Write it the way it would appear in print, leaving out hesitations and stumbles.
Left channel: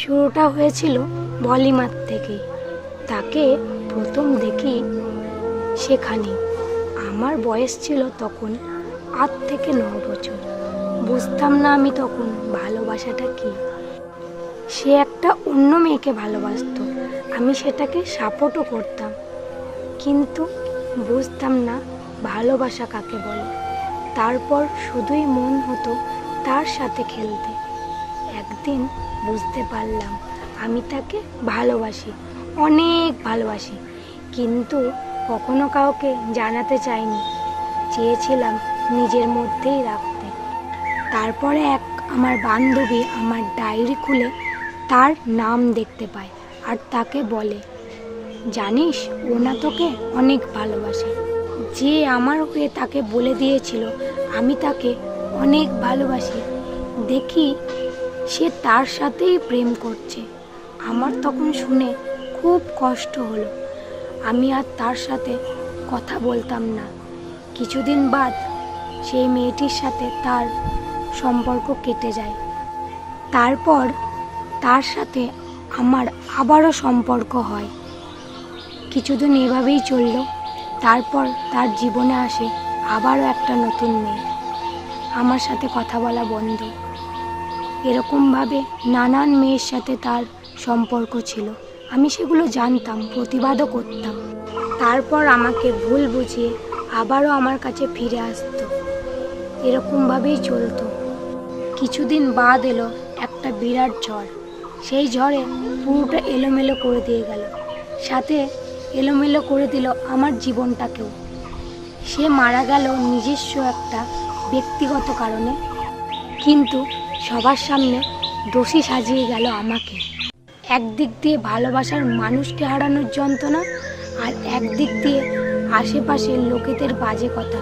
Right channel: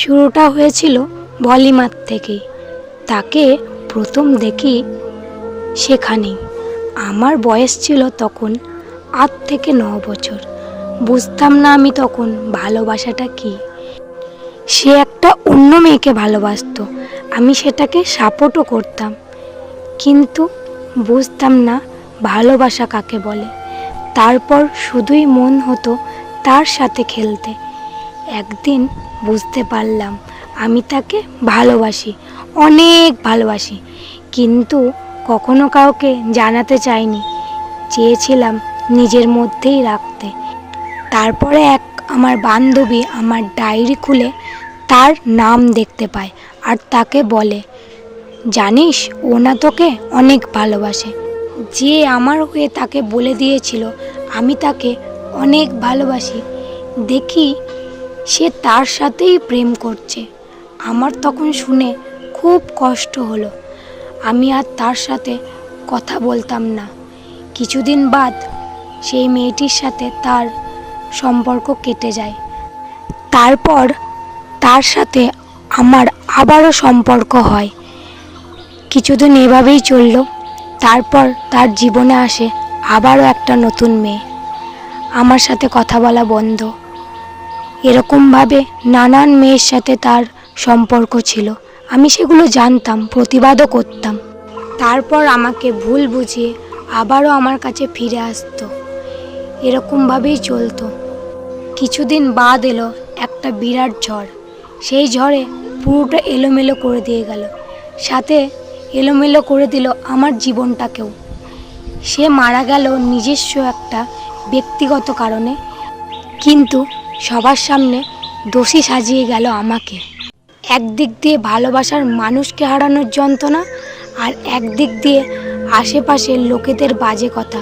শুরুটা হয়েছিল ভলিমার থেকেই। তাকে প্রথম দেখি সেখানেই। আমার বয়স ছিল তখন 8 থেকে 9 বছর। বুঝতাম না আমি তখন ভালোবাসাটা কি। সে একটা অন্য মেয়েকে ভালোবাসতো, আমি সেটাকে সাপোর্টও করতাম, কিন্তু বুঝতাম না ভালোবাসা কাকে বলে। তারপর শুধুই মন হতো তার সাথে খেলতে। একদিন বুঝতে পারলাম আমি তাকে ভালোবাসি, অনেক ভালোবাসি, কিন্তু কখনো কাউকে জানাতে চাইনি, চেয়েছিলাম নিজের মধ্যেই রাখতে। তারপরে আমার বান্ধবী আমার ডায়েরি খুলে তার নাম দেখতে পায় আর তাকে বলে, জানিস ও না তোকে অনেক ভালোবাসে। যে আমার হয়ে তাকে বলে দিয়েছিল আমি তাকে অনেক ভালোবাসি, দেখি সে তার সাথেই প্রেম করছে। আমার তখন শুনে খুব কষ্ট হলো। আমি আর তার সাথে কথা বলতাম না। কিছুদিন বাদ সেই মেয়েটির সাথে তার সম্পর্ক কেটে যায়। তারপর তার সাথে আমার আবারও সম্পর্ক হয়। কিছুদিন এভাবেই চলল। তারপর তার জীবনে আসে আবারও একটা নতুন মেয়ে। আমার সাথে কথা বলা বন্ধ। এরকমভাবে নানান মেয়ের সাথে তার সম্পর্ক ছিল। আমি সেগুলো জানতাম, প্রতিবাদও করতাম। তারপর আমাকে ভুল বুঝিয়ে আবারও আমার কাছে ফিরে আসতো। এরকমভাবেই চলতো। কিছুদিন বাদ এলো একটা বিরাট ঝড়। সেই ঝড়ে পুরোটা এলোমেলো করে দিয়ে গেল, সাথে এলোমেলো করে দিল আমার জীবনটাকেও। সে মারা গেল নিজস্ব একটা ব্যক্তিগত কারণে, কিন্তু সবার সামনে দোষী সাজিয়ে গেল আমাকে। একদিক দিয়ে ভালোবাসার মানুষকে হারানোর যন্ত্রণা, আর একদিক দিয়ে আশেপাশের লোকেদের বাজে কথা।